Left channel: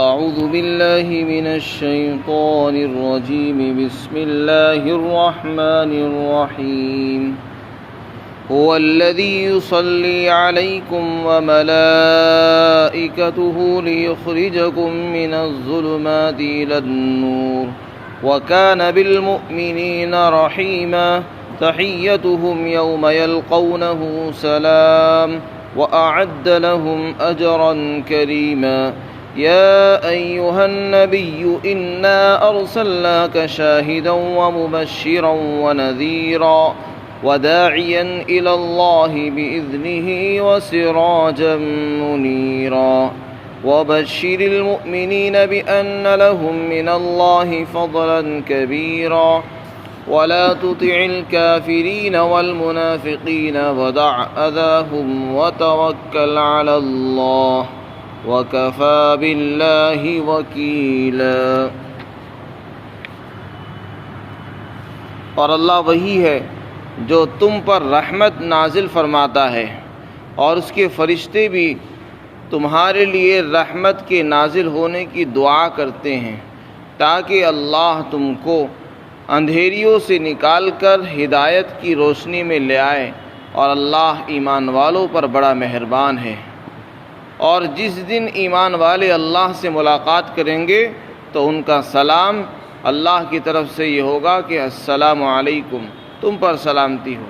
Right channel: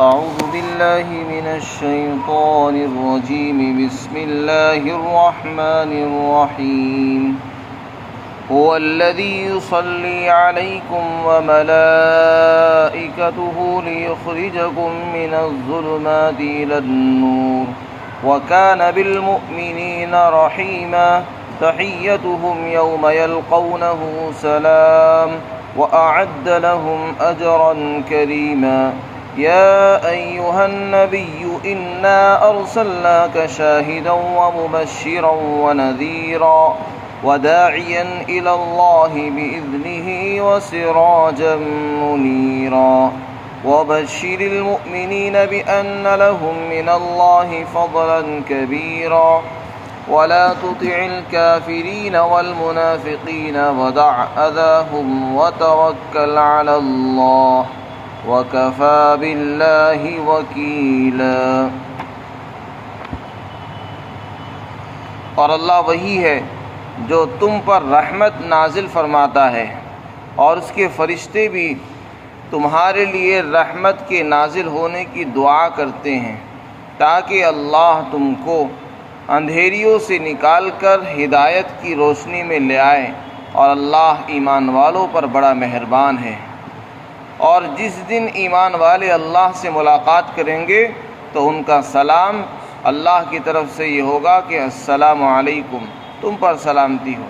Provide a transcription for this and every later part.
أعوذ بالله من الشيطان الرجيم. بسم الله الرحمن الرحيم. هو الذي يصلي عليكم وملائكته ليخرجكم من الظلمات إلى النور وكان بالمؤمنين رحيما. تحيتهم يوم يلقونه سلام وأعد لهم أجرا كريما. يا أيها النبي إنا أرسلناك شاهدا ومبشرا ونذيرا وداعيا إلى الله بإذنه وسراجا منيرا. وبشر المؤمنين بأن لهم من الله فضلا كبيرا. ولا تطع الكافرين والمنافقين ودع أذاهم وتوكل على الله وَكَفَى بِاللَّهِ وَكِيلًا. اور اللہ وہی ہے جو تم پر رحمت نازل فرماتا ہے اور اس کے فرشتے بھی تمہارے لیے رحمت کے نازل ہونے کی دعا کرتے ہیں تاکہ اللہ تم کو اندھیریوں سے نکال کر ہدایت کی روشنی میں لے آئے، اور اللہ ایمان والوں پر بڑا مہربان ہے۔ اور جس دن ایمان والے اللہ سے ملاقات کریں گے تو ان کا سلام اللہ کی طرف سے یہ ہوگا کہ السلام علیکم، تم پر سلامتی ہو،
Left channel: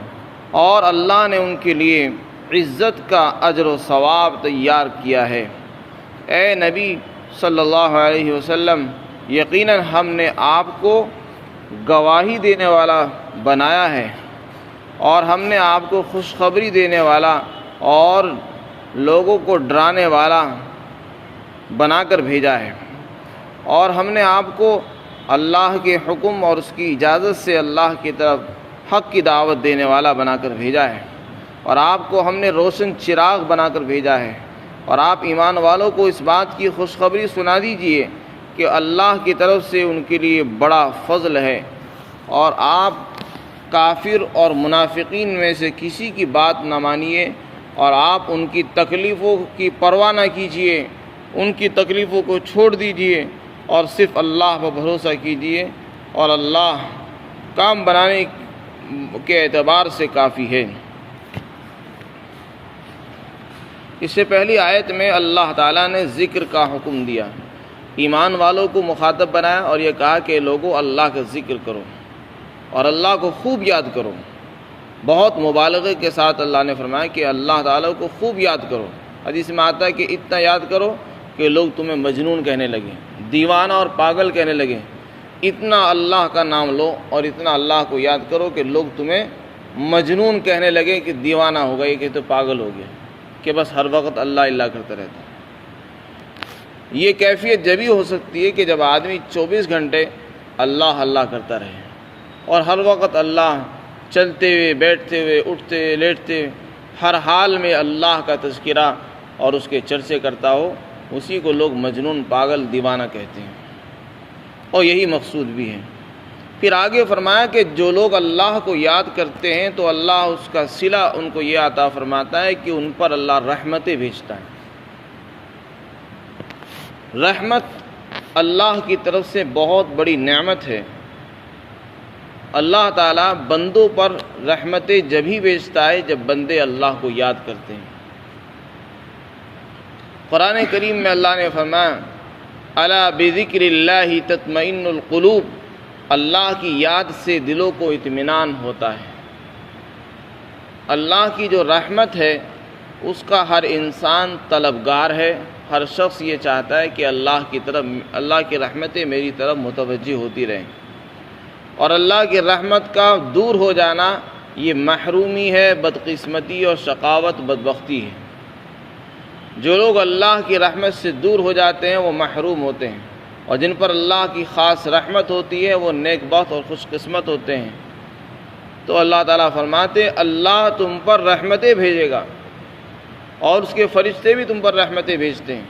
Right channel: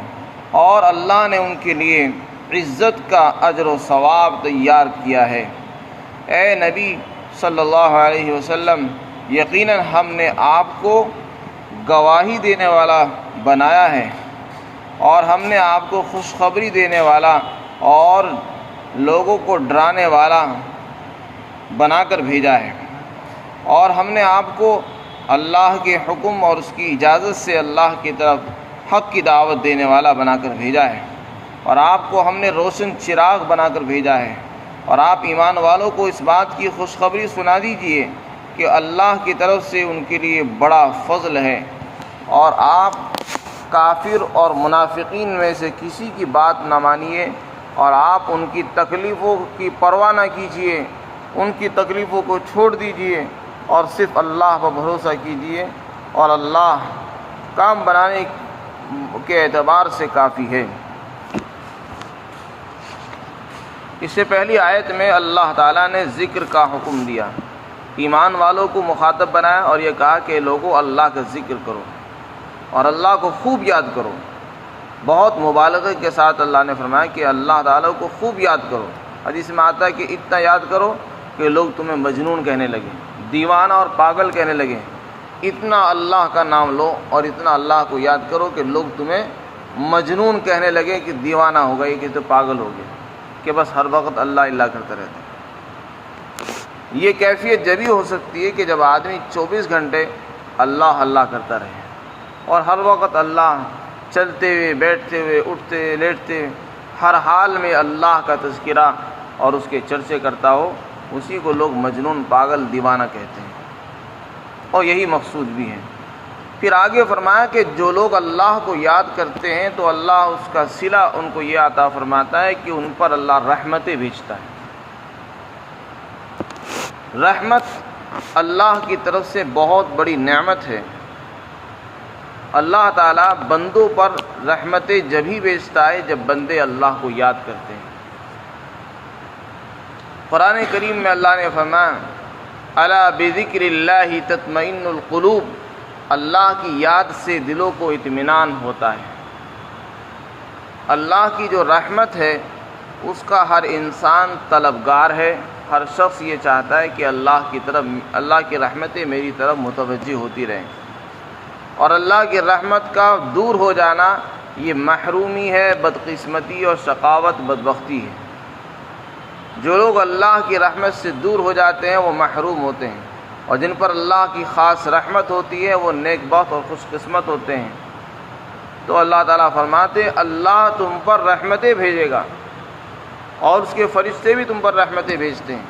اور اللہ نے ان کے لیے عزت کا اجر و ثواب تیار کیا ہے۔ اے نبی صلی اللہ علیہ وسلم، یقیناً ہم نے آپ کو گواہی دینے والا بنایا ہے، اور ہم نے آپ کو خوشخبری دینے والا اور لوگوں کو ڈرانے والا بنا کر بھیجا ہے، اور ہم نے آپ کو اللہ کے حکم اور اس کی اجازت سے اللہ کی طرف حق کی دعوت دینے والا بنا کر بھیجا ہے، اور آپ کو ہم نے روشن چراغ بنا کر بھیجا ہے۔ اور آپ ایمان والوں کو اس بات کی خوشخبری سنا دیجئے کہ اللہ کی طرف سے ان کے لیے بڑا فضل ہے، اور آپ کافر اور منافقین میں سے کسی کی بات نہ مانیے، اور آپ ان کی تکلیفوں کی پرواہ نہ کیجیے، ان کی تکلیفوں کو چھوڑ دیجیے اور صرف اللہ پر بھروسہ کیجیے، اور اللہ کام بنانے کے اعتبار سے کافی ہے۔ اس سے پہلی آیت میں اللہ تعالیٰ نے ذکر کا حکم دیا، ایمان والوں کو مخاطب بنایا اور یہ کہا کہ لوگوں اللہ کا ذکر کرو اور اللہ کو خوب یاد کرو۔ بہت مبالغے کے ساتھ اللہ نے فرمایا کہ اللہ تعالیٰ کو خوب یاد کرو۔ حدیث میں آتا ہے کہ اتنا یاد کرو کہ لوگ تمہیں مجنون کہنے لگے، دیوانہ اور پاگل کہنے لگے۔ اتنا اللہ کا نام لو اور اتنا اللہ کو یاد کرو کہ لوگ تمہیں مجنون کہنے لگے کہ دیوانہ ہو گیا، کہ تو پاگل ہو گیا، کہ بس ہر وقت اللہ اللہ کرتا رہتا ہے۔ یہ کیفیت جبھی ہو سکتی ہے کہ جب آدمی 24 گھنٹے اللہ اللہ کرتا رہے، اور ہر وقت اللہ چلتے ہوئے، بیٹھتے ہوئے، اٹھتے ہوئے، لیٹتے ہوئے، ہر حال میں اللہ کا تذکرہ اور اس کے چرچے کرتا ہو، اسی کو لوگ مجنون، پاگل، دیوانہ کہتے ہیں، اور یہی مقصود بھی ہے۔ پھر آگے فرمایا کہ جو لوگ اللہ کو یاد کرتے ہیں تو اللہ اس کا صلہ ان کو یہ عطا فرماتا ہے کہ ان پر اللہ رحمتیں بھیجتا ہے۔ رحمت اللہ کی طرف سے بہت بڑی نعمت ہے۔ اللہ تعالیٰ بندوں پر رحمتیں جبھی بھیجتا ہے جب بندے اللہ کو یاد کرتے ہیں۔ قرآن کریم میں اللہ نے فرمایا الا بذکر اللہ تطمئن القلوب، اللہ کی یاد سے دلوں کو اطمینان ہوتا ہے۔ اللہ کی جو رحمت ہے اس کا ہر انسان طلبگار ہے، ہر شخص یہ چاہتا ہے کہ اللہ کی رحمتیں میری طرف متوجہ ہوتی رہیں، اور اللہ کی رحمت کا دور ہو جانا یہ محرومی ہے، بدقسمتی اور شقاوت، بدبختی ہے۔ جو لوگ اللہ کی رحمت سے دور ہو جاتے ہیں وہ محروم ہوتے ہیں، اور جن پر اللہ کی خاص رحمت ہوتی ہے وہ نیک بخت اور خوش قسمت ہوتے ہیں۔ تو اللہ تعالیٰ فرماتے ہیں اللہ تم پر رحمتیں بھیجے گا، اور اس کے فرشتے بھی تم پر رحمتیں بھیجتے ہیں۔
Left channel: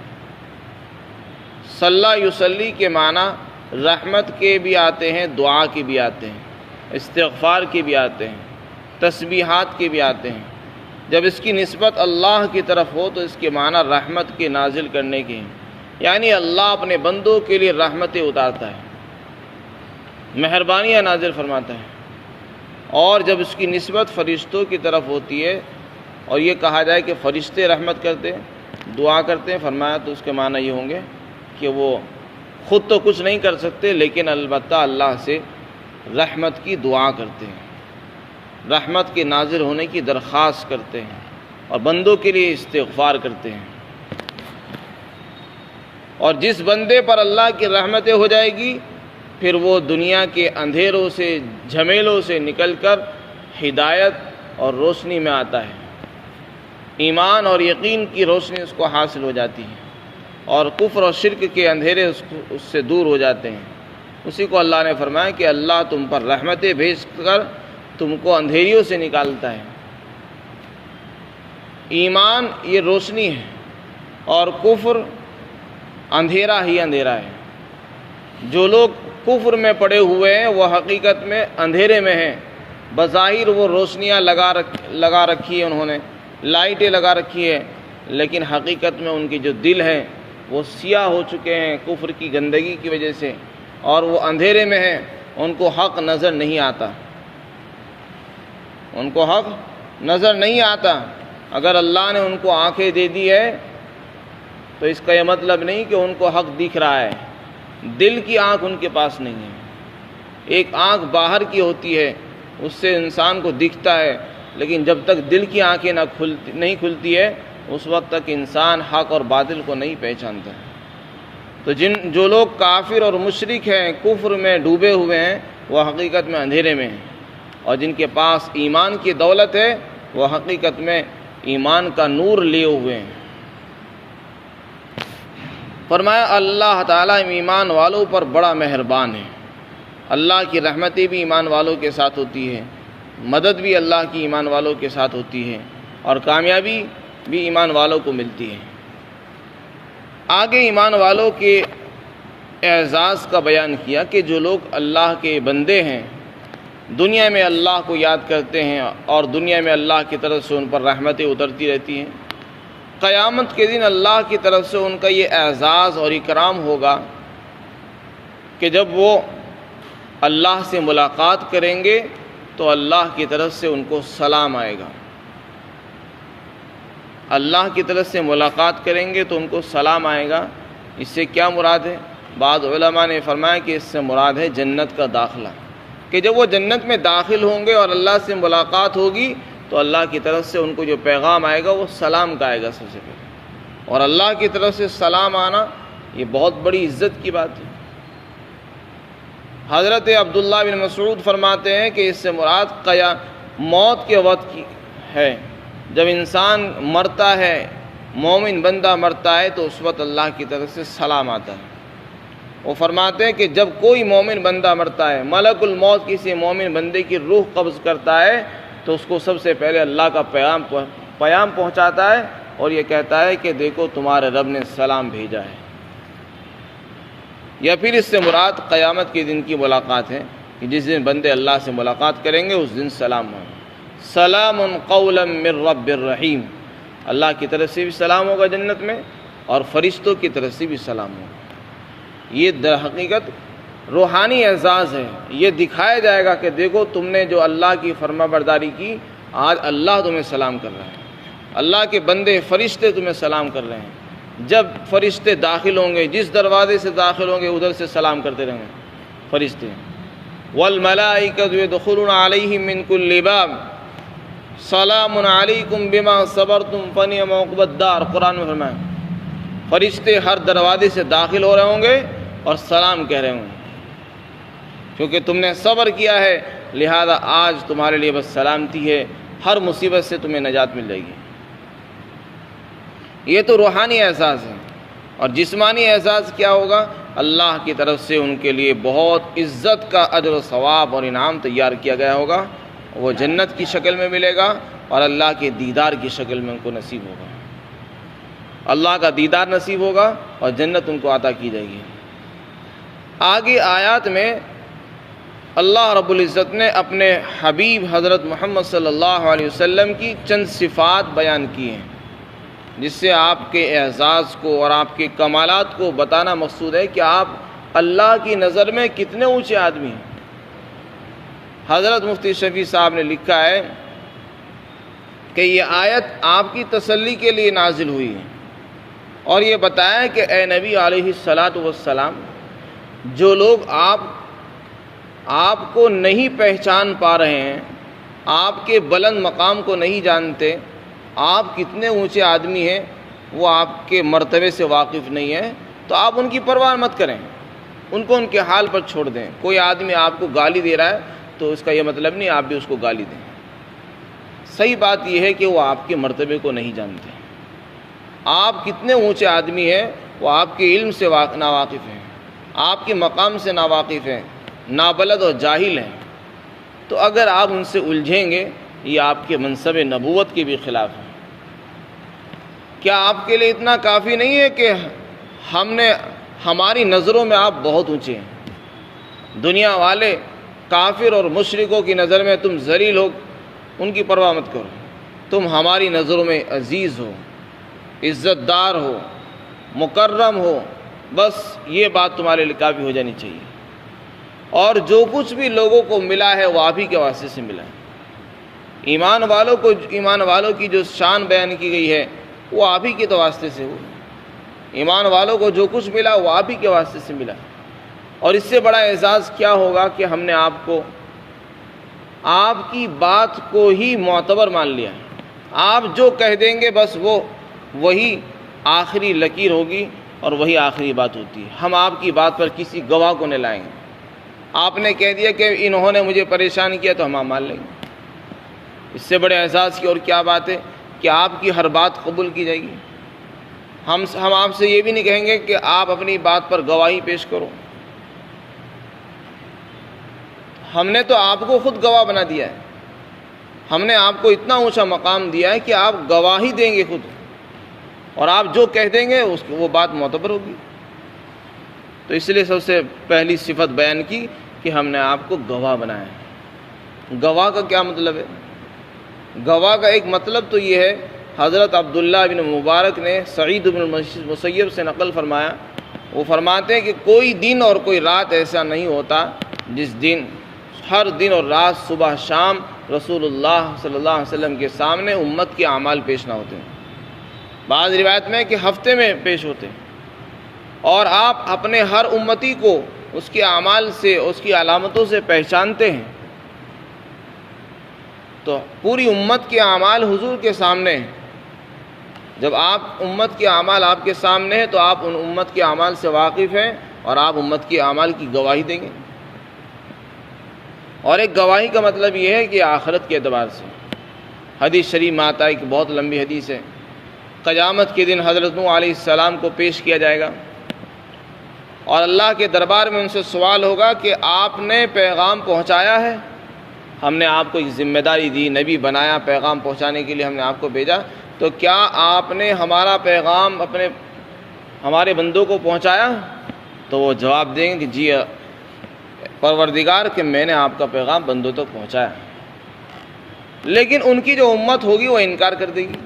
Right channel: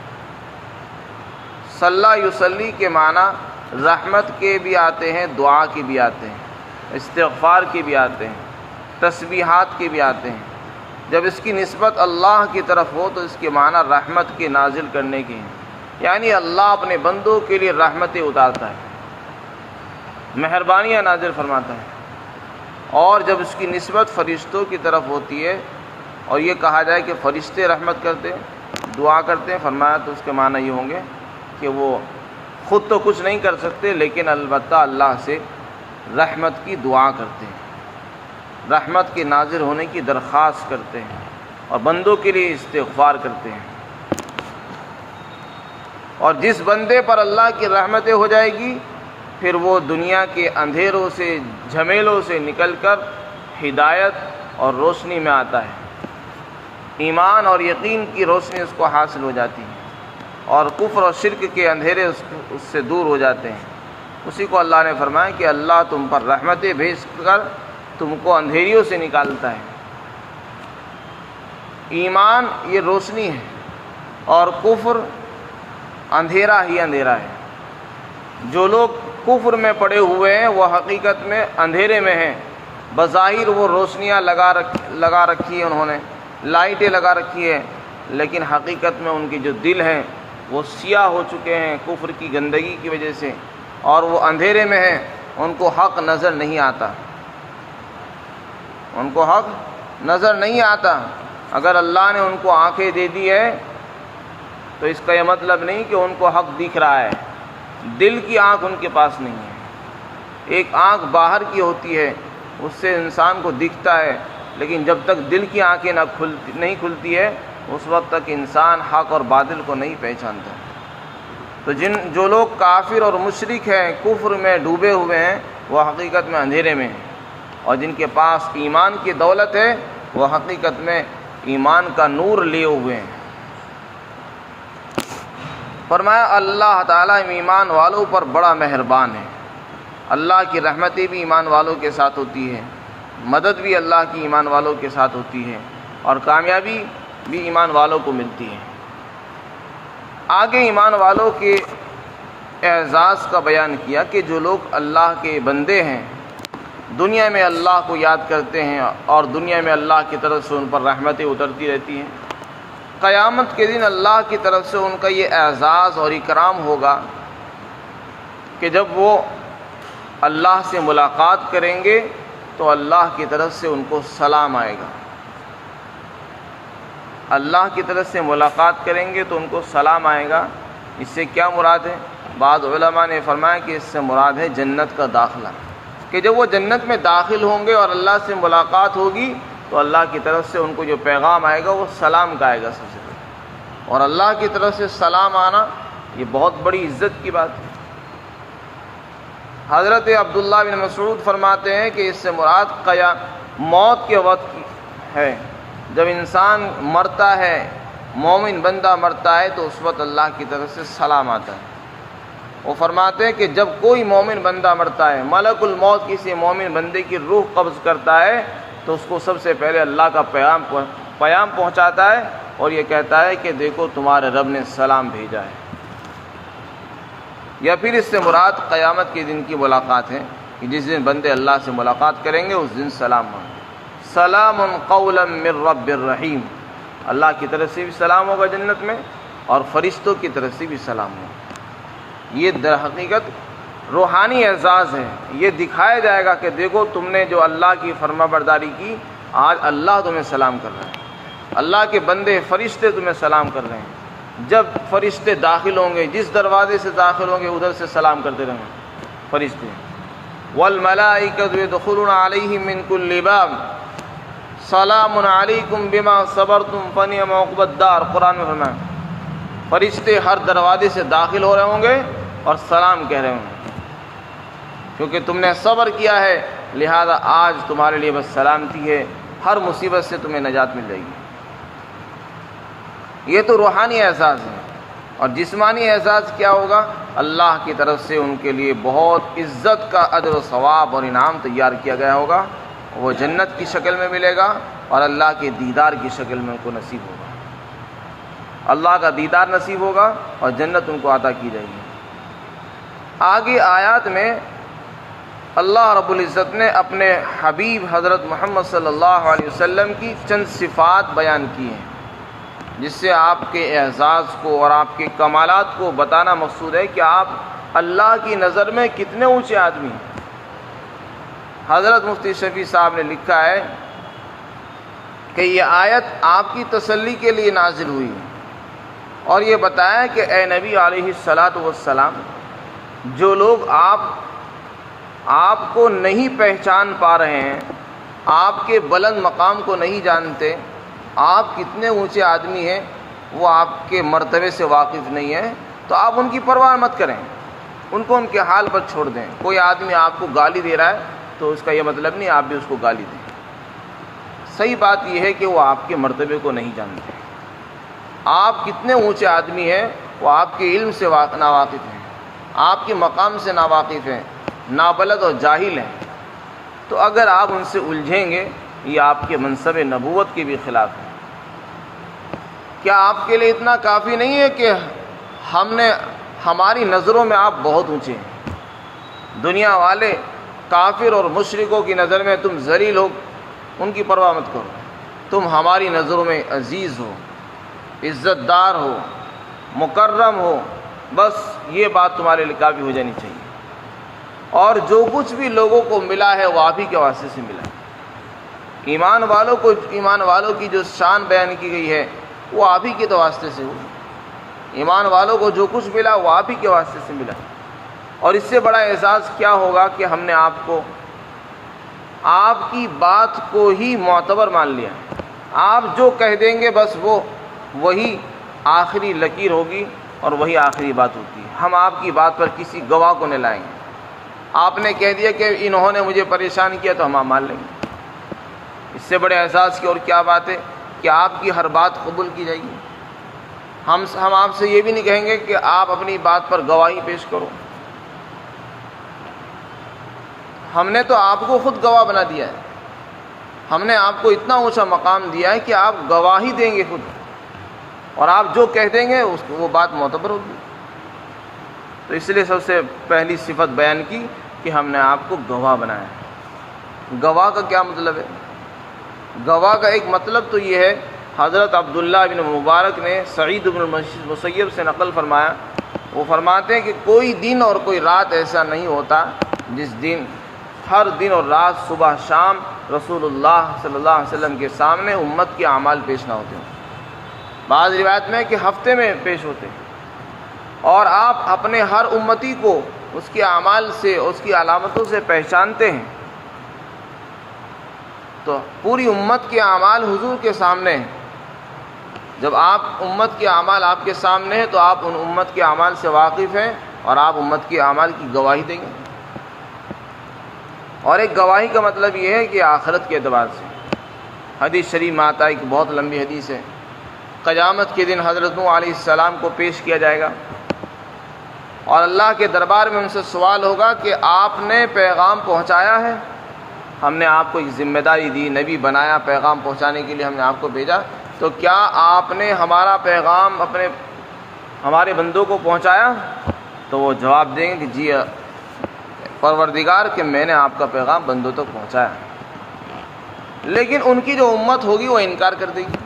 صلی یصلی کے معنی رحمت کے بھی آتے ہیں، دعا کے بھی آتے ہیں، استغفار کے بھی آتے ہیں، تسبیحات کے بھی آتے ہیں۔ جب اس کی نسبت اللہ کی طرف ہو تو اس کے معنی رحمت کے نازل کرنے کی ہیں، یعنی اللہ اپنے بندوں کے لیے رحمتیں اتارتا ہے، مہربانیاں نازل فرماتا ہے، اور جب اس کی نسبت فرشتوں کی طرف ہوتی ہے اور یہ کہا جائے کہ فرشتے رحمت کرتے ہیں، دعا کرتے ہیں، فرمایا تو اس کے معنی یہ ہوں گے کہ وہ خود تو کچھ نہیں کر سکتے، لیکن البتہ اللہ سے رحمت کی دعا کرتے ہیں، رحمت کے نازل ہونے کی درخواست کرتے ہیں اور بندوں کے لیے استغفار کرتے ہیں۔ اور جس بندے پر اللہ کی رحمتیں ہو جائے گی پھر وہ دنیا کے اندھیروں سے، جھمیلوں سے نکل کر ہدایت اور روشنی میں آتا ہے، ایمان اور یقین کی روشنی اس کو حاصل ہو جاتی ہے، اور کفر اور شرک کے اندھیرے اس سے دور ہو جاتے ہیں۔ اسی کو اللہ نے فرمایا کہ اللہ تم پر رحمتیں بھیج کر تم کو اندھیریوں سے نکالتا ہے۔ ایمان یہ روشنی ہے اور کفر اندھیرا ہی اندھیرا ہے۔ جو لوگ کفر میں پڑے ہوئے ہیں وہ حقیقت میں اندھیرے میں ہیں، بظاہر وہ روشنیاں لگا رکھی ہیں، انہوں نے لائٹیں لگا رکھی ہیں، لیکن حقیقت میں ان کے جو دل ہیں وہ سیاہ ہو چکے ہیں کفر کی گندگی کی وجہ سے، اور وہ اندھیرے میں ہیں، ان کو حق نظر نہیں آتا، ان کو حق نظر نہیں آتا۔ اگر اللہ نے ان کو آنکھیں دے دی ہے تو اس کا یہ مطلب نہیں کہ ان کو حق دکھ رہا ہے، دل کی آنکھ ان کے پاس نہیں ہے۔ ایک آنکھ باہر کی ہوتی ہے، اس سے انسان کو دکھتا ہے، لیکن جب تک دل کی آنکھیں نہیں کھلتی ہے اس وقت تک انسان حق اور باطل کو نہیں پہچانتا۔ تو جو لوگ کافر اور مشرک ہیں، کفر میں ڈوبے ہوئے ہیں، وہ حقیقت میں اندھیرے میں ہیں، اور جن کے پاس ایمان کی دولت ہے وہ حقیقت میں ایمان کا نور لیے ہوئے ہیں۔ فرمایا اللہ تعالیٰ ایمان والوں پر بڑا مہربان ہے، اللہ کی رحمتیں بھی ایمان والوں کے ساتھ ہوتی ہے، مدد بھی اللہ کی ایمان والوں کے ساتھ ہوتی ہے، اور کامیابی بھی ایمان والوں کو ملتی ہے۔ آگے ایمان والوں کے اعزاز کا بیان کیا کہ جو لوگ اللہ کے بندے ہیں، دنیا میں اللہ کو یاد کرتے ہیں اور دنیا میں اللہ کی طرف سے ان پر رحمتیں اترتی رہتی ہیں، قیامت کے دن اللہ کی طرف سے ان کا یہ اعزاز اور اکرام ہوگا کہ جب وہ اللہ سے ملاقات کریں گے تو اللہ کی طرف سے ان کو سلام آئے گا۔ اللہ کی طرف سے ملاقات کریں گے تو ان کو سلام آئے گا۔ اس سے کیا مراد ہے؟ بعض علماء نے فرمایا کہ اس سے مراد ہے جنت کا داخلہ، کہ جب وہ جنت میں داخل ہوں گے اور اللہ سے ملاقات ہوگی تو اللہ کی طرف سے ان کو جو پیغام آئے گا وہ سلام کا آئے گا سب سے پہلے، اور اللہ کی طرف سے سلام آنا یہ بہت بڑی عزت کی بات ہے۔ حضرت عبداللہ بن مسعود فرماتے ہیں کہ اس سے مراد موت کے وقت کی ہے، جب انسان مرتا ہے، مومن بندہ مرتا ہے تو اس وقت اللہ کی طرف سے سلام آتا ہے۔ وہ فرماتے ہیں کہ جب کوئی مومن بندہ مرتا ہے، ملک الموت کسی مومن بندے کی روح قبض کرتا ہے تو اس کو سب سے پہلے اللہ کا پیام پہنچاتا ہے اور یہ کہتا ہے کہ دیکھو تمہارے رب نے سلام بھیجا ہے۔ یا پھر اس سے مراد قیامت کے دن کی ملاقات ہے کہ جس دن بندے اللہ سے ملاقات کریں گے اس دن سلام مانگیں، سلام قولا من رب الرحیم، اللہ کی طرف سے بھی سلام ہوگا جنت میں اور فرشتوں کی طرف سے بھی سلام ہوگا۔ یہ در حقیقت روحانی اعزاز ہے، یہ دکھایا جائے گا کہ دیکھو تم نے جو اللہ کی فرما برداری کی، آج اللہ تمہیں سلام کر رہا ہے، اللہ کے بندے فرشتے تمہیں سلام کر رہے ہیں۔ جب فرشتے داخل ہوں گے، جس دروازے سے داخل ہوں گے ادھر سے سلام کرتے رہیں گے فرشتے۔ والملائکۃ یدخلون علیہم من کل باب سلام علیکم بما صبرتم فنعم عقبی الدار، قرآن میں فرمایا فرشتے ہر دروازے سے داخل ہو رہے ہوں گے اور سلام کہہ رہے ہوں گے، کیونکہ تم نے صبر کیا ہے لہذا آج تمہارے لیے بس سلامتی ہے، ہر مصیبت سے تمہیں نجات مل جائے گی۔ یہ تو روحانی اعزاز ہے، اور جسمانی اعزاز کیا ہوگا؟ اللہ کی طرف سے ان کے لیے بہت عزت کا اجر و ثواب اور انعام تیار کیا گیا ہوگا، وہ جنت کی شکل میں ملے گا اور اللہ کے دیدار کی شکل میں ان کو نصیب ہوگا، اللہ کا دیدار نصیب ہوگا اور جنت ان کو عطا کی جائے گی۔ آگے آیات میں اللہ رب العزت نے اپنے حبیب حضرت محمد صلی اللہ علیہ وسلم کی چند صفات بیان کی ہیں۔ جس سے آپ کے اعزاز کو اور آپ کے کمالات کو بتانا مقصود ہے کہ آپ اللہ کی نظر میں کتنے اونچے آدمی ہیں۔ حضرت مفتی شفیع صاحب نے لکھا ہے کہ یہ آیت آپ کی تسلی کے لیے نازل ہوئی ہے، اور یہ بتایا کہ اے نبی علیہ الصلاۃ والسلام، جو لوگ آپ کو نہیں پہچان پا رہے ہیں، آپ کے بلند مقام کو نہیں جانتے، آپ کتنے اونچے آدمی ہیں، وہ آپ کے مرتبے سے واقف نہیں ہیں، تو آپ ان کی پرواہ مت کریں، ان کو ان کے حال پر چھوڑ دیں۔ کوئی آدمی آپ کو گالی دے رہا ہے تو اس کا یہ مطلب نہیں آپ بھی اس کو گالی دیں۔ صحیح بات یہ ہے کہ وہ آپ کے مرتبے کو نہیں جانتے، آپ کتنے اونچے آدمی ہیں وہ آپ کے علم سے ناواقف ہیں، آپ کے مقام سے ناواقف ہیں، نابلد اور جاہل ہیں۔ تو اگر آپ ان سے الجھیں گے یہ آپ کے منصب نبوت کے بھی خلاف ہے۔ کیا آپ کے لیے اتنا کافی نہیں ہے کہ ہماری نظروں میں آپ بہت اونچے ہیں؟ دنیا والے کافر اور مشرکوں کی نظر میں تم ذلیل ہو، ان کی پرواہ مت کرو، تم ہماری نظروں میں عزیز ہو، عزت دار ہو، مکرم ہو، بس یہ بات تمہارے لیے کافی ہو جانی چاہیے۔ اور جو کچھ بھی لوگوں کو ملا ہے وہ آپ ہی کے واسطے سے ملا ہے۔ ایمان والوں کی جو شان بیان کی گئی ہے وہ آپ ہی کے تو واسطے سے ہوئی۔ ایمان والوں کو جو کچھ ملا وہ آپ ہی کے واسطے سے ملا، اور اس سے بڑا اعزاز کیا ہوگا کہ ہم نے آپ کی بات کو ہی معتبر مان لیا ہے۔ آپ جو کہہ دیں گے بس وہی آخری لکیر ہوگی اور وہی آخری بات ہوتی ہے۔ ہم آپ کی بات پر کسی گواہ کو نہیں لائیں گے۔ آپ نے کہہ دیا کہ انہوں نے مجھے پریشان کیا تو ہم آپ مان لیں گے۔ اس سے بڑے اعزاز کی اور کیا بات ہے کہ آپ کی ہر بات قبول کی جائے گی۔ ہم آپ سے یہ بھی نہیں کہیں گے کہ آپ اپنی بات پر گواہی پیش کرو۔ ہم نے تو آپ کو خود گواہ بنا دیا ہے، ہم نے آپ کو اتنا اونچا مقام دیا ہے کہ آپ گواہی دیں گے خود، اور آپ جو کہہ دیں گے وہ بات معتبر ہوگی۔ تو اس لیے سب سے پہلی صفت بیان کی کہ ہم نے آپ کو گواہ بنایا ہے۔ گواہ کا کیا مطلب ہے؟ گواہ کا ایک مطلب تو یہ ہے، حضرت عبداللہ بن مبارک نے سعید بن مسیب سے نقل فرمایا، وہ فرماتے ہیں کہ کوئی دن اور کوئی رات ایسا نہیں ہوتا جس دن ہر دن اور رات صبح شام رسول اللہ صلی اللہ علیہ وسلم کے سامنے امت کے اعمال پیش نہ ہوتے ہیں۔ بعض روایت میں کہ ہفتے میں پیش ہوتے ہیں، اور آپ اپنے ہر امتی کو اس کے اعمال سے، اس کی علامتوں سے پہچانتے ہیں۔ تو پوری امت کے اعمال حضور کے سامنے ہیں۔ جب امت کے اعمال آپ کے سامنے ہیں تو آپ ان امت کے اعمال سے واقف ہیں، اور آپ امت کے اعمال کی گواہی دیں گے۔ اور ایک گواہی کا مطلب یہ ہے کہ آخرت کے اعتبار سے حدیث شریف میں آتا ہے، ایک بہت لمبی حدیث ہے، قیامت کے دن حضرت نوح علیہ السلام کو پیش کیا جائے گا، اور اللہ کے دربار میں ان سے سوال ہوگا کہ آپ نے پیغام پہنچایا ہے؟ ہم نے آپ کو ایک ذمہ داری دی، نبی بنایا، پیغام پہنچانے کے لیے ہم نے آپ کو بھیجا، تو کیا آپ نے ہمارا پیغام ہمارے بندوں کو پہنچایا؟ تو وہ جواب دیں گے کہ جی پروردگار، کہ میں نے آپ کا پیغام بندوں تک پہنچایا۔ لیکن ان کی جو امت ہوگی وہ انکار کر دے گی،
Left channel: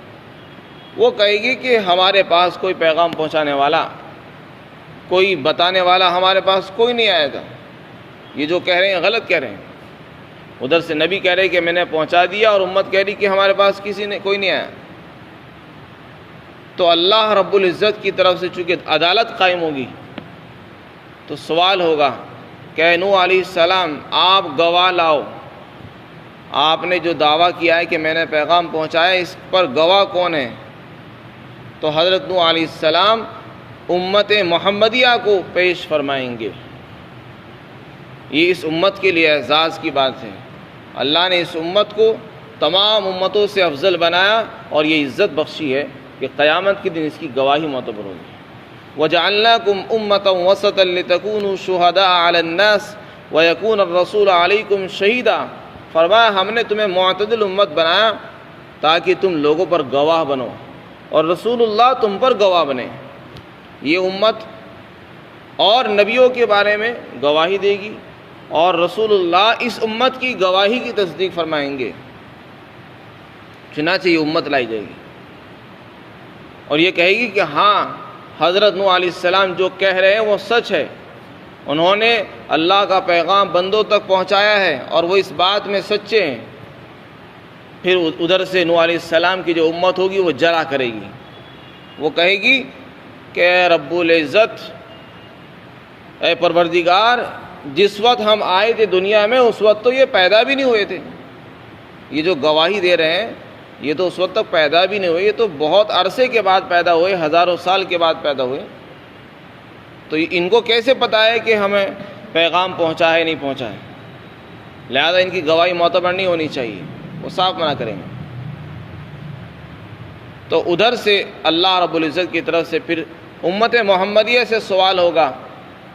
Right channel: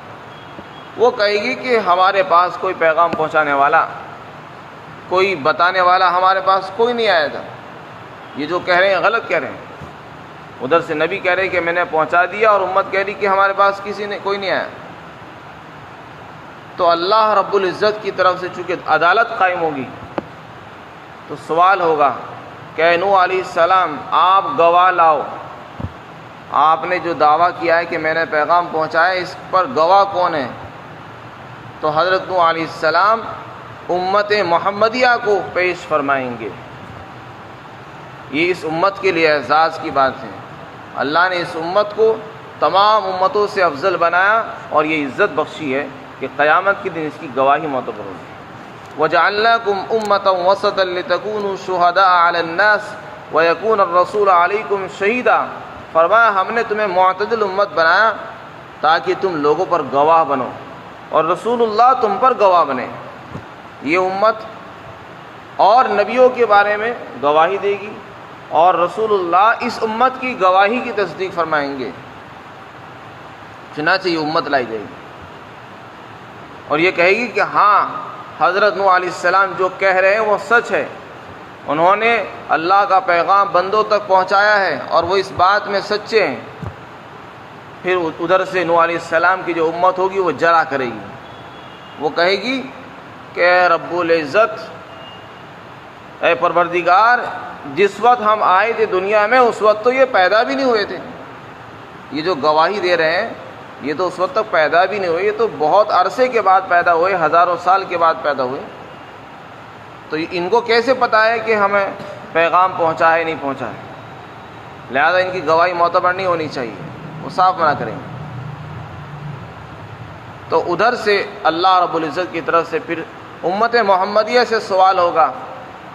وہ کہے گی کہ ہمارے پاس کوئی پیغام پہنچانے والا، کوئی بتانے والا ہمارے پاس کوئی نہیں آیا تھا، یہ جو کہہ رہے ہیں غلط کہہ رہے ہیں۔ ادھر سے نبی کہہ رہے کہ میں نے پہنچا دیا، اور امت کہہ رہی کہ ہمارے پاس کوئی نہیں آیا۔ تو اللہ رب العزت کی طرف سے چونکہ عدالت قائم ہوگی تو سوال ہوگا کہ نوح علیہ السلام آپ گواہ لاؤ، آپ نے جو دعویٰ کیا ہے کہ میں نے پیغام پہنچایا اس پر گواہ کون ہے؟ تو حضرت نوح علیہ السلام امت محمدیہ کو پیش فرمائیں گے۔ یہ اس امت کے لیے اعزاز کی بات ہے، اللہ نے اس امت کو تمام امتوں سے افضل بنایا اور یہ عزت بخشی ہے کہ قیامت کے دن اس کی گواہی معتبر ہوگی۔ وَجَعَلْنَاكُمْ أُمَّةً وَسَطًا لِتَكُونُوا شُهَدَاءَ عَلَى النَّاسِ وَيَكُونَ الرَّسُولُ عَلَيْكُمْ شَهِيدًا، فرمایا ہم نے تمہیں معتدل امت بنایا تاکہ تم لوگوں پر گواہ بنو اور رسول اللہ تم پر گواہ بنے۔ یہ امت اور نبیوں کے بارے میں گواہی دے گی، اور رسول اللہ اس امت کی گواہی کی تصدیق فرمائیں گے، چنانچہ یہ امت لائی جائے گی۔ اور یہ کہے گی کہ ہاں حضرت نوح علیہ السلام جو کہہ رہے ہیں وہ سچ ہے، انہوں نے اللہ کا پیغام بندوں تک پہنچایا ہے اور وہ اس بات میں سچے ہیں۔ پھر ادھر سے نوح علیہ السلام کی جو امت ہوگی وہ جرا کرے گی، وہ کہے گی کہ اے رب العزت، اے پروردگار، جس وقت ہم آئے تھے دنیا میں اس وقت تو یہ پیدا بھی نہیں ہوئے تھے، یہ جو گواہی دے رہے ہیں یہ تو اس وقت تک پیدا بھی نہیں ہوئے، یہ تو بہت عرصے کے بعد پیدا ہوئے، ہزاروں سال کے بعد پیدا ہوئے، تو ان کو کیسے پتہ ہے کہ ہمیں پیغام پہنچا ہے نہیں پہنچا ہے؟ لہذا ان کی گواہی معتبر نہیں ہونی چاہیے، وہ صاف منع کریں گے۔ تو ادھر سے اللہ رب العزت کی طرف سے پھر امت محمدیہ سے سوال ہوگا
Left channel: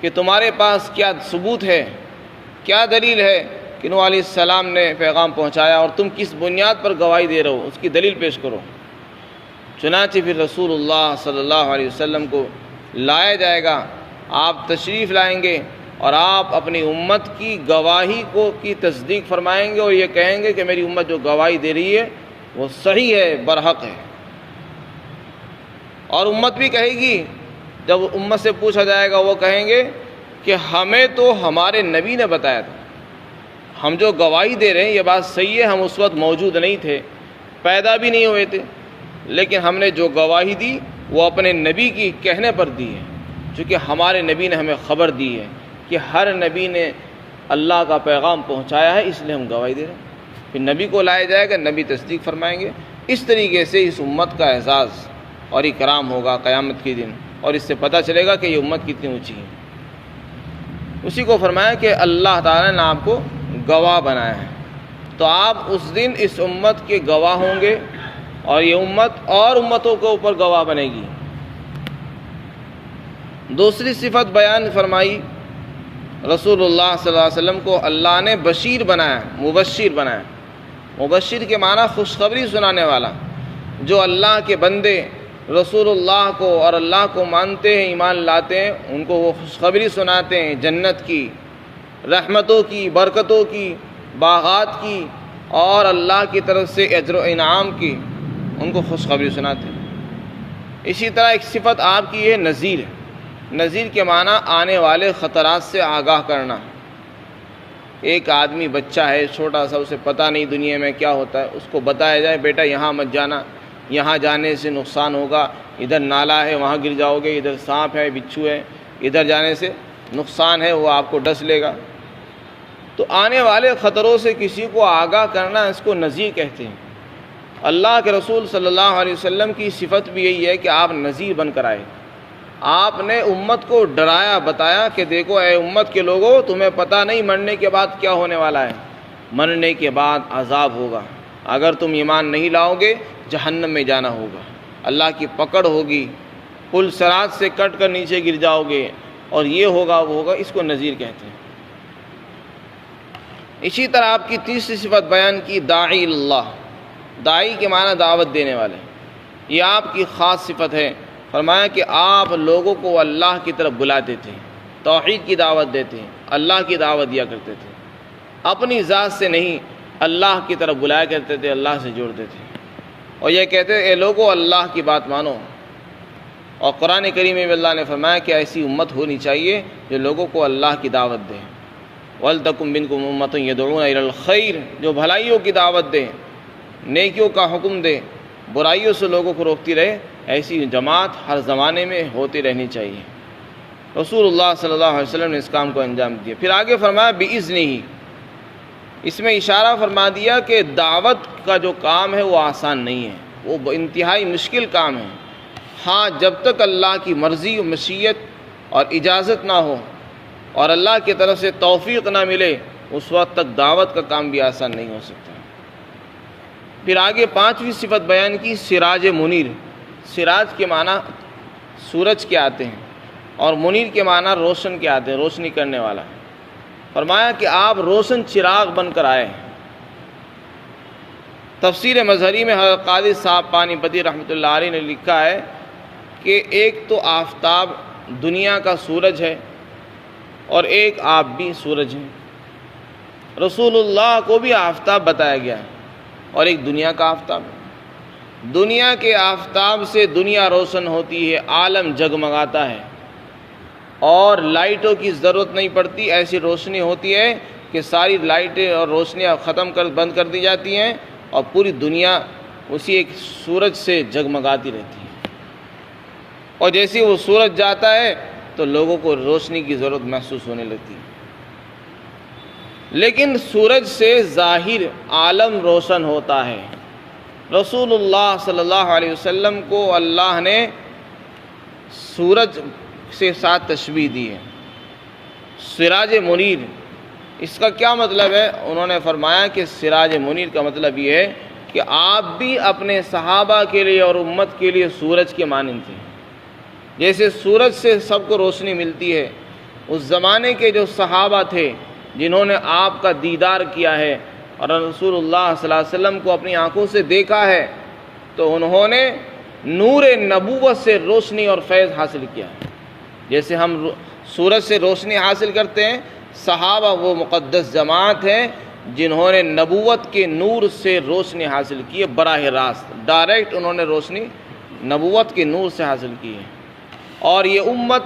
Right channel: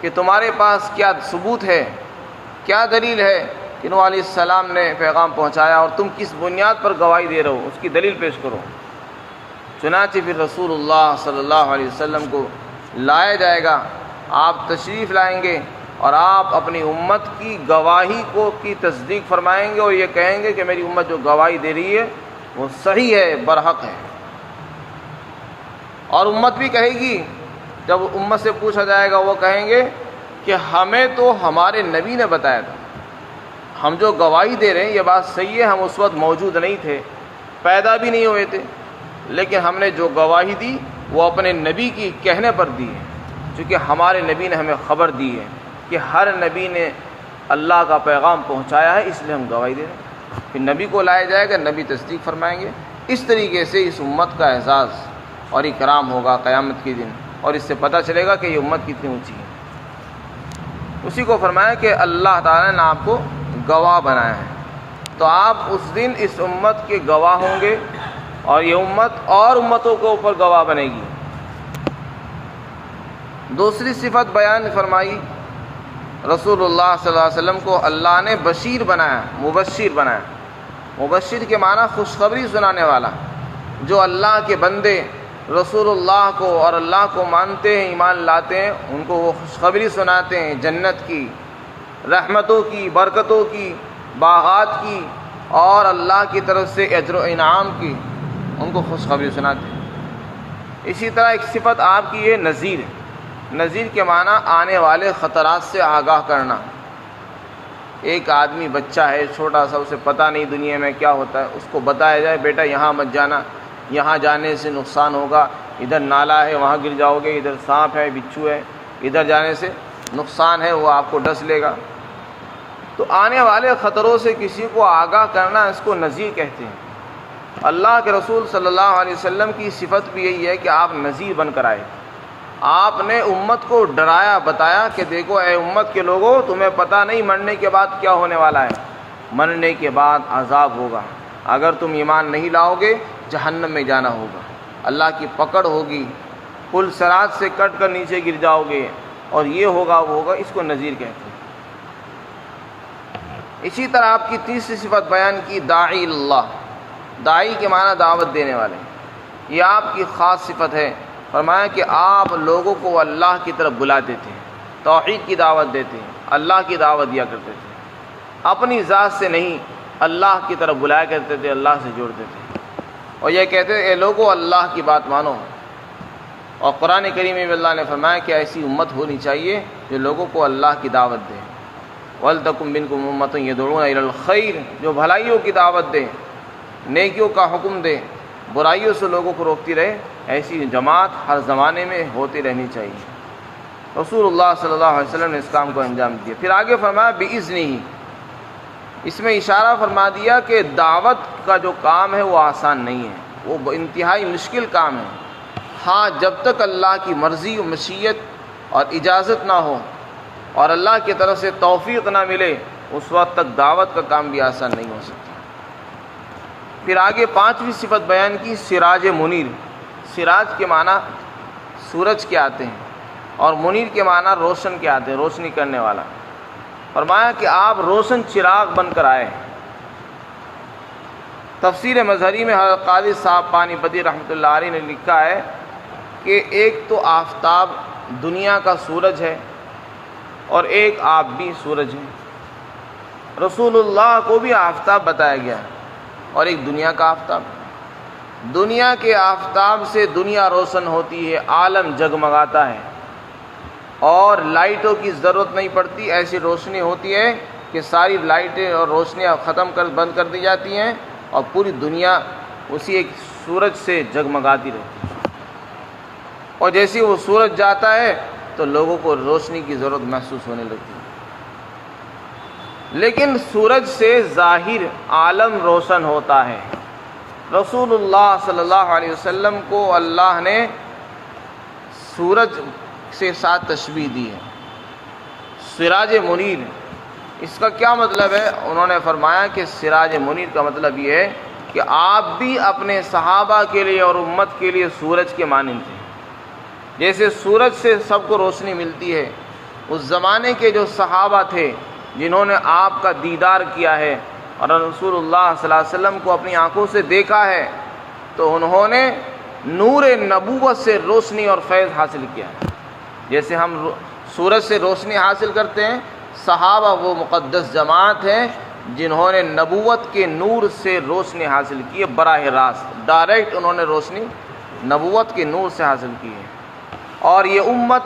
کہ تمہارے پاس کیا ثبوت ہے، کیا دلیل ہے کہ نوح علیہ السلام نے پیغام پہنچایا، اور تم کس بنیاد پر گواہی دے رہے ہو، اس کی دلیل پیش کرو۔ چنانچہ پھر رسول اللہ صلی اللہ علیہ وسلم کو لایا جائے گا، آپ تشریف لائیں گے اور آپ اپنی امت کی گواہی کی تصدیق فرمائیں گے اور یہ کہیں گے کہ میری امت جو گواہی دے رہی ہے وہ صحیح ہے، برحق ہے۔ اور امت بھی کہے گی، جب امت سے پوچھا جائے گا وہ کہیں گے کہ ہمیں تو ہمارے نبی نے بتایا تھا، ہم جو گواہی دے رہے ہیں یہ بات صحیح ہے، ہم اس وقت موجود نہیں تھے، پیدا بھی نہیں ہوئے تھے، لیکن ہم نے جو گواہی دی وہ اپنے نبی کی کہنے پر دی ہے، چونکہ ہمارے نبی نے ہمیں خبر دی ہے کہ ہر نبی نے اللہ کا پیغام پہنچایا ہے، اس لیے ہم گواہی دے رہے ہیں۔ پھر نبی کو لایا جائے گا، نبی تصدیق فرمائیں گے۔ اس طریقے سے اس امت کا اعزاز اور اکرام ہوگا قیامت کے دن، اور اس سے پتہ چلے گا کہ یہ امت کتنی اونچی ہے۔ اسی کو فرمایا کہ اللہ تعالیٰ نے آپ کو گواہ بنایا ہے، تو آپ اس دن اس امت کے گواہ ہوں گے، اور یہ امت اور امتوں کے اوپر گواہ بنے گی۔ دوسری صفت بیان فرمائی، رسول اللہ صلی اللہ علیہ وسلم کو اللہ نے بشیر بنایا، مبشر بنایا۔ مبشر کے معنی خوشخبری سنانے والا، جو اللہ کے بندے رسول اللہ کو اور اللہ کو مانتے ہیں، ایمان لاتے ہیں، ان کو وہ خوشخبری سناتے ہیں جنت کی، رحمتوں کی، برکتوں کی، باغات کی، اور اللہ کی طرف سے اجر و انعام کی، ان کو خوشخبری سناتے ہیں۔ اسی طرح ایک صفت آپ کی ہے نذیر۔ نذیر کے معنی آنے والے خطرات سے آگاہ کرنا۔ ایک آدمی بچہ ہے چھوٹا سا، اسے پتہ نہیں دنیا میں کیا ہوتا ہے، اس کو بتایا جائے بیٹا یہاں مت جانا، یہاں جانے سے نقصان ہوگا، ادھر نالا ہے وہاں گر جاؤ گے، ادھر سانپ ہے، بچھو ہے، ادھر جانے سے نقصان ہے، وہ آپ کو ڈس لے گا۔ تو آنے والے خطروں سے کسی کو آگاہ کرنا، اس کو نذیر کہتے ہیں۔ اللہ کے رسول صلی اللہ علیہ وسلم کی صفت بھی یہی ہے کہ آپ نذیر بن کر آئے۔ آپ نے امت کو ڈرایا، بتایا کہ دیکھو اے امت کے لوگوں، تمہیں پتہ نہیں مرنے کے بعد کیا ہونے والا ہے، مرنے کے بعد عذاب ہوگا، اگر تم ایمان نہیں لاؤ گے جہنم میں جانا ہوگا، اللہ کی پکڑ ہوگی، پل صراط سے کٹ کر نیچے گر جاؤ گے، اور یہ ہوگا وہ ہوگا، اس کو نذیر کہتے ہیں۔ اسی طرح آپ کی تیسری صفت بیان کی، داعی اللہ۔ داعی کے معنی دعوت دینے والے، یہ آپ کی خاص صفت ہے۔ فرمایا کہ آپ لوگوں کو اللہ کی طرف بلاتے تھے، توحید کی دعوت دیتے ہیں، اللہ کی دعوت دیا کرتے تھے، اپنی ذات سے نہیں، اللہ کی طرف بلایا کرتے تھے، اللہ سے جوڑتے تھے، اور یہ کہتے تھے اے لوگوں اللہ کی بات مانو۔ اور قرآن کریم میں اللہ نے فرمایا کہ ایسی امت ہونی چاہیے جو لوگوں کو اللہ کی دعوت دے۔ وَلْتَكُن مِّنكُمْ أُمَّةٌ يَدْعُونَ إِلَى الْخَيْرِ، جو بھلائیوں کی دعوت دے، نیکیوں کا حکم دے، برائیوں سے لوگوں کو روکتی رہے، ایسی جماعت ہر زمانے میں ہوتی رہنی چاہیے۔ رسول اللہ صلی اللہ علیہ وسلم نے اس کام کو انجام دیا۔ پھر آگے فرمایا بِإِذْنِهِ، اس میں اشارہ فرما دیا کہ دعوت کا جو کام ہے وہ آسان نہیں ہے، وہ انتہائی مشکل کام ہے۔ ہاں جب تک اللہ کی مرضی و مشیت اور اجازت نہ ہو اور اللہ کی طرف سے توفیق نہ ملے، اس وقت تک دعوت کا کام بھی آسان نہیں ہو سکتا۔ پھر آگے پانچویں صفت بیان کی، سراج منیر۔ سراج کے معنی سورج کے آتے ہیں، اور منیر کے معنی روشن کے آتے ہیں، روشنی کرنے والا۔ فرمایا کہ آپ روشن چراغ بن کر آئے۔ تفسیر مظہری میں حضرت قاضی صاحب پانی پتی رحمۃ اللہ علیہ نے لکھا ہے کہ ایک تو آفتاب دنیا کا سورج ہے، اور ایک آپ بھی سورج ہے۔ رسول اللہ کو بھی آفتاب بتایا گیا ہے، اور ایک دنیا کا آفتاب۔ دنیا کے آفتاب سے دنیا روشن ہوتی ہے، عالم جگمگاتا ہے، اور لائٹوں کی ضرورت نہیں پڑتی، ایسی روشنی ہوتی ہے کہ ساری لائٹیں اور روشنیاں بند کر دی جاتی ہیں اور پوری دنیا اسی ایک سورج سے جگمگاتی رہتی ہے۔ اور جیسے وہ سورج جاتا ہے تو لوگوں کو روشنی کی ضرورت محسوس ہونے لگتی ہے۔ لیکن سورج سے ظاہر عالم روشن ہوتا ہے۔ رسول اللہ صلی اللہ علیہ وسلم کو اللہ نے سورج سے ساتھ تشبیہ دی ہے، سراج منیر۔ اس کا کیا مطلب ہے؟ انہوں نے فرمایا کہ سراج منیر کا مطلب یہ ہے کہ آپ بھی اپنے صحابہ کے لیے اور امت کے لیے سورج کے مانند تھے۔ جیسے سورج سے سب کو روشنی ملتی ہے، اس زمانے کے جو صحابہ تھے جنہوں نے آپ کا دیدار کیا ہے اور رسول اللہ صلی اللہ علیہ وسلم کو اپنی آنکھوں سے دیکھا ہے، تو انہوں نے نور نبوت سے روشنی اور فیض حاصل کیا ہے۔ جیسے ہم سورج سے روشنی حاصل کرتے ہیں، صحابہ وہ مقدس جماعت ہیں جنہوں نے نبوت کے نور سے روشنی حاصل کی ہے، براہ راست ڈائریکٹ انہوں نے روشنی نبوت کے نور سے حاصل کی ہے۔ اور یہ امت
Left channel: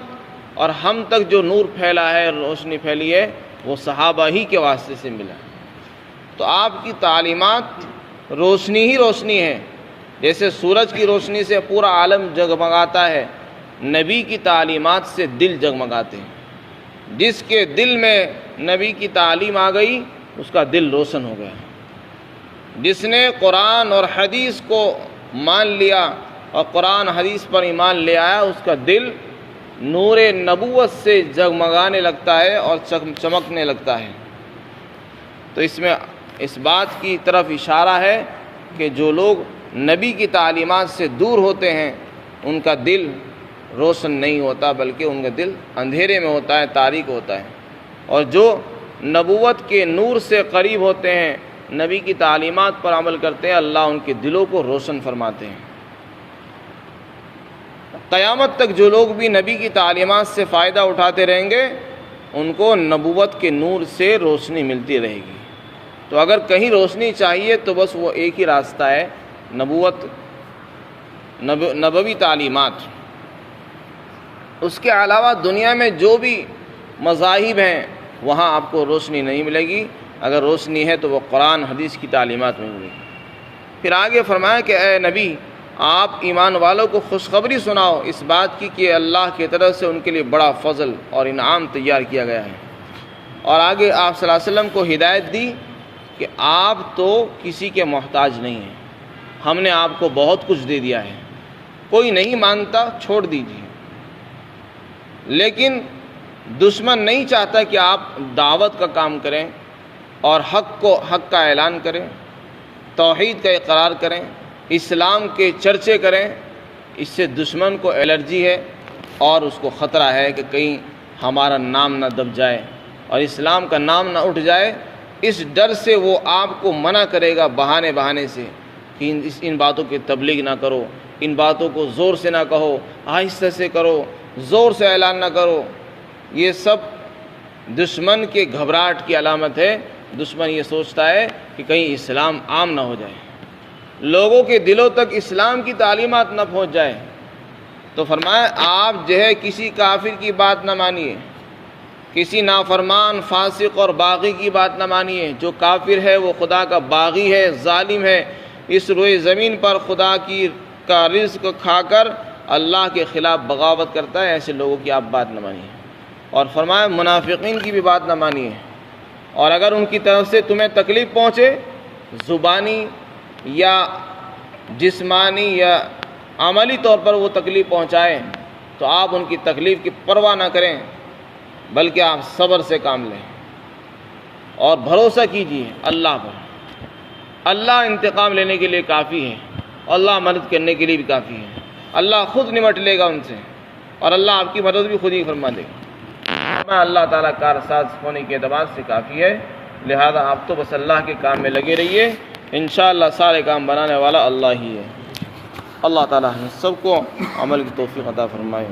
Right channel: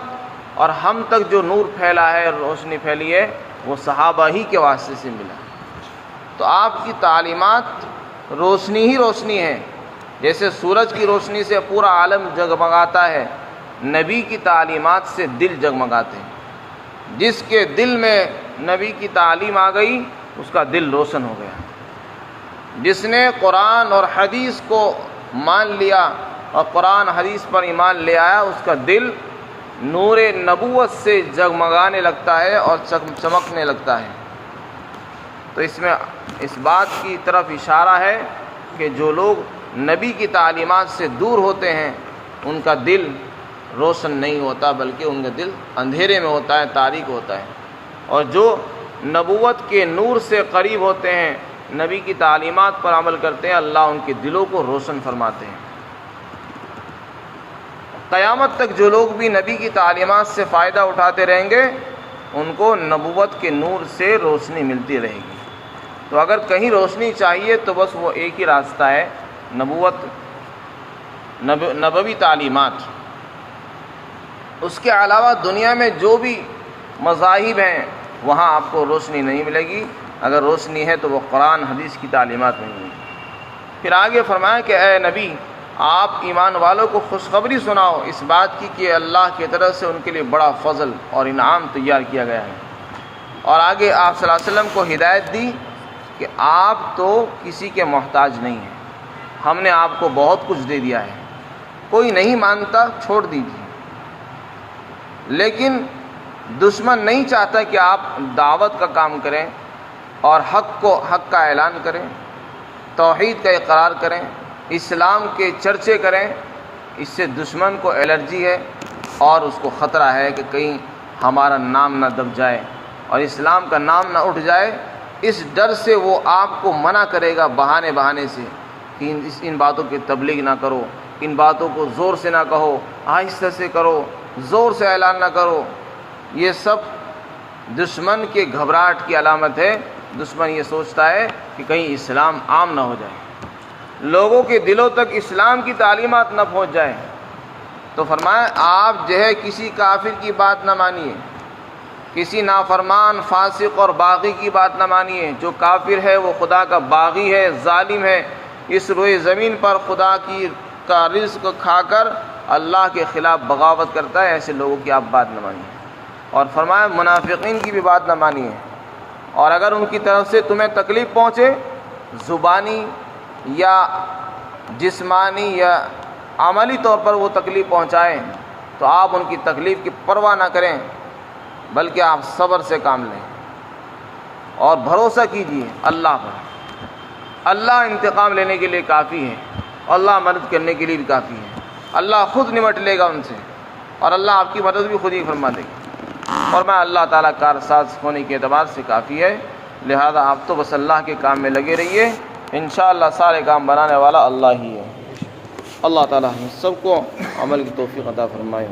اور ہم تک جو نور پھیلا ہے، روشنی پھیلی ہے، وہ صحابہ ہی کے واسطے سے ملا۔ تو آپ کی تعلیمات روشنی ہی روشنی ہے۔ جیسے سورج کی روشنی سے پورا عالم جگمگاتا ہے، نبی کی تعلیمات سے دل جگمگاتے ہیں۔ جس کے دل میں نبی کی تعلیم آ گئی اس کا دل روشن ہو گیا۔ جس نے قرآن اور حدیث کو مان لیا اور قرآن حدیث پر ایمان لے آیا، اس کا دل نور نبوت سے جگمگانے لگتا ہے اور چمکنے لگتا ہے۔ تو اس میں اس بات کی طرف اشارہ ہے کہ جو لوگ نبی کی تعلیمات سے دور ہوتے ہیں ان کا دل روشن نہیں ہوتا، بلکہ ان کا دل اندھیرے میں ہوتا ہے، تاریک ہوتا ہے۔ اور جو نبوت کے نور سے قریب ہوتے ہیں، نبی کی تعلیمات پر عمل کرتے ہیں، اللہ ان کے دلوں کو روشن فرماتے ہیں۔ قیامت تک جو لوگ بھی نبی کی تعلیمات سے فائدہ اٹھاتے رہیں گے ان کو نبوت کے نور سے روشنی ملتی رہے گی۔ تو اگر کہیں روشنی چاہیے تو بس وہ ایک ہی راستہ ہے، نبوی تعلیمات۔ اس کے علاوہ دنیا میں جو بھی مذاہب ہیں وہاں آپ کو روشنی نہیں ملے گی، اگر روشنی ہے تو وہ قرآن حدیث کی تعلیمات میں ملے گی۔ پھر آگے فرمایا کہ اے نبی، آپ ایمان والوں کو خوشخبری سناؤ اس بات کی کہ اللہ کی طرف سے ان کے لیے بڑا فضل اور انعام تیار کیا گیا ہے۔ اور آگے آپ صلی اللہ علیہ وسلم کو ہدایت دی کہ آپ تو کسی کے محتاج نہیں ہیں، ہم نے آپ کو بہت کچھ دے دیا ہے، کوئی نہیں مانتا چھوڑ دیجیے۔ لیکن دشمن نہیں چاہتا کہ آپ دعوت کا کام کریں اور حق کا اعلان کریں، توحید کا اقرار کریں، اسلام کے چرچے کریں۔ اس سے دشمن کو الرجی ہے اور اس کو خطرہ ہے کہ کہیں ہمارا نام نہ دب جائے اور اسلام کا نام نہ اٹھ جائے۔ اس ڈر سے وہ آپ کو منع کرے گا بہانے سے کہ ان باتوں کی تبلیغ نہ کرو، ان باتوں کو زور سے نہ کہو، آہستہ سے کرو، زور سے اعلان نہ کرو۔ یہ سب دشمن کے گھبراہٹ کی علامت ہے۔ دشمن یہ سوچتا ہے کہ کہیں اسلام عام نہ ہو جائے، لوگوں کے دلوں تک اسلام کی تعلیمات نہ پہنچ جائے۔ تو فرمایا آپ جو ہے کسی کافر کی بات نہ مانیے، کسی نافرمان فاسق اور باغی کی بات نہ مانیے۔ جو کافر ہے وہ خدا کا باغی ہے، ظالم ہے، اس روئے زمین پر خدا کا رزق کھا کر اللہ کے خلاف بغاوت کرتا ہے، ایسے لوگوں کی آپ بات نہ مانیے۔ اور فرمایا منافقین کی بھی بات نہ مانیے، اور اگر ان کی طرف سے تمہیں تکلیف پہنچے، زبانی یا جسمانی یا عملی طور پر وہ تکلیف پہنچائیں، تو آپ ان کی تکلیف کی پرواہ نہ کریں، بلکہ آپ صبر سے کام لیں اور بھروسہ کیجیے اللہ پر۔ اللہ انتقام لینے کے لیے کافی ہے، اللہ مدد کرنے کے لیے بھی کافی ہے۔ اللہ خود نمٹ لے گا ان سے، اور اللہ آپ کی مدد بھی خود ہی فرما دے گا۔ اور میں اللہ تعالیٰ کارساز ہونے کے اعتبار سے کافی ہے، لہذا آپ تو بس اللہ کے کام میں لگے رہیے، انشاءاللہ سارے کام بنانے والا اللہ ہی ہے۔ اللہ تعالیٰ ہم سب کو عمل کی توفیق عطا فرمائے۔